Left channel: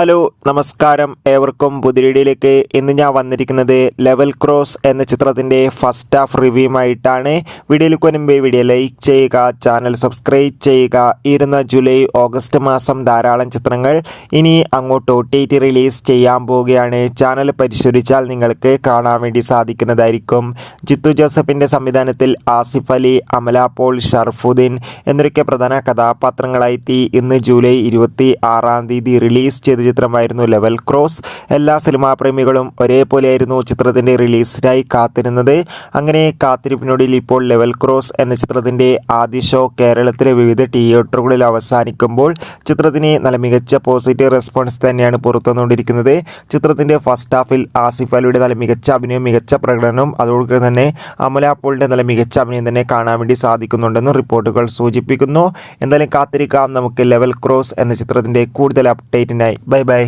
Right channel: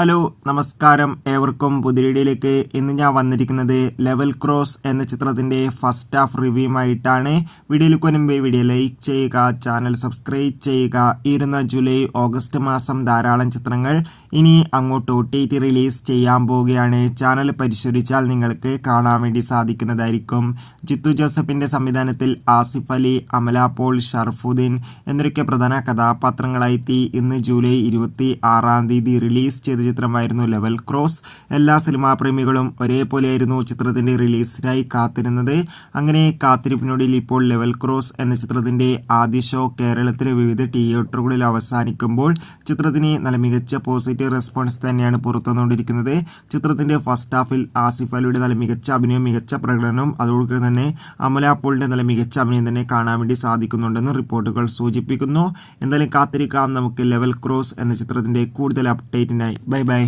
Hello നമസ്കാരം, ഏവർക്കും പുതിയയിലേക്ക്. ഇന്ന് ഞാൻ വന്നിരിക്കുന്നത് ലെവൽ ക്രോസ് എന്ന ചിത്രത്തിൻ്റെ ഫസ്റ്റ് ഹാഫ് റിവ്യൂമായിട്ടാണ്. വീഡിയോയിലേക്ക് വരുമ്പോൾ വീഡിയോ ലൈക്ക് ചെയ്യുക, ചാനൽ സബ്സ്ക്രൈബ് ചെയ്യുക. ജൂലൈ ഓഗസ്റ്റ് മാസം ധാരാളം ചിത്രങ്ങൾ ഇനി അങ്ങോട്ട് OTT റിലീസ് ചെയ്യാൻ പോവുകയാണ്. ചാനൽ പരിശോധിച്ചാൽ നിങ്ങൾക്ക് കാണാൻ വേണ്ടി സാധിക്കുന്നതായിരിക്കും. ജിത്തു ജോസഫിൻ്റെ സംവിധാനത്തിൽ ആസിഫ് അലി, അമല പോൾ, ഷർഫുദ്ദീൻ എന്നൊക്കെ പ്രധാന കഥാപാത്രങ്ങളായി ഇന്ന് ജൂലൈ 26 റിലീസ് ചെയ്ത ചിത്രമായിരുന്നു ലെവൽ ക്രോസ്. എല്ലാ സിനിമാ പ്രേമികളും ഒരേപോലെയായിരുന്നു ചിത്രത്തിൻ്റെ റിലീസിനായി കാത്തിരുന്നത്. അങ്ങനെ കാത്തിരിപ്പിനൊടുവിൽ ഇപ്പോൾ ലെവൽ ക്രോസ് എന്ന ചിത്രത്തിൻ്റെ ആദ്യ ഷോ കേരളത്തിലെ വിവിധ തിയേറ്ററുകളിൽ അവസാനിക്കുമ്പോൾ ചിത്രത്തിന് നല്ല മികച്ച പോസിറ്റീവ് റെസ്പോൺസ് തന്നെയാണ് പുറത്തുവന്നുകൊണ്ടിരിക്കുന്നത്. ചിത്രത്തിൻ്റെ ഫസ്റ്റ് ഹാഫിൽ ആസിഫ് അലിയുടെ നല്ല മികച്ച അഭിനയം, മികച്ച പ്രകടനവും അതുകൊണ്ട് തന്നെ അമല പോളിൻ്റെ നല്ല മികച്ച അഭിനയം തന്നെ കാണാൻ വേണ്ടി സാധിക്കുന്നുണ്ടെന്ന് റിപ്പോർട്ടുകൾ സൂചിപ്പിക്കുന്നു. എന്തായാലും കാത്തിരിക്കാം നമുക്ക് ലെവൽ ക്രോസ് എന്ന ചിത്രത്തിൻ്റെ കൂടുതൽ അപ്ഡേറ്റിനായി. Bye bye.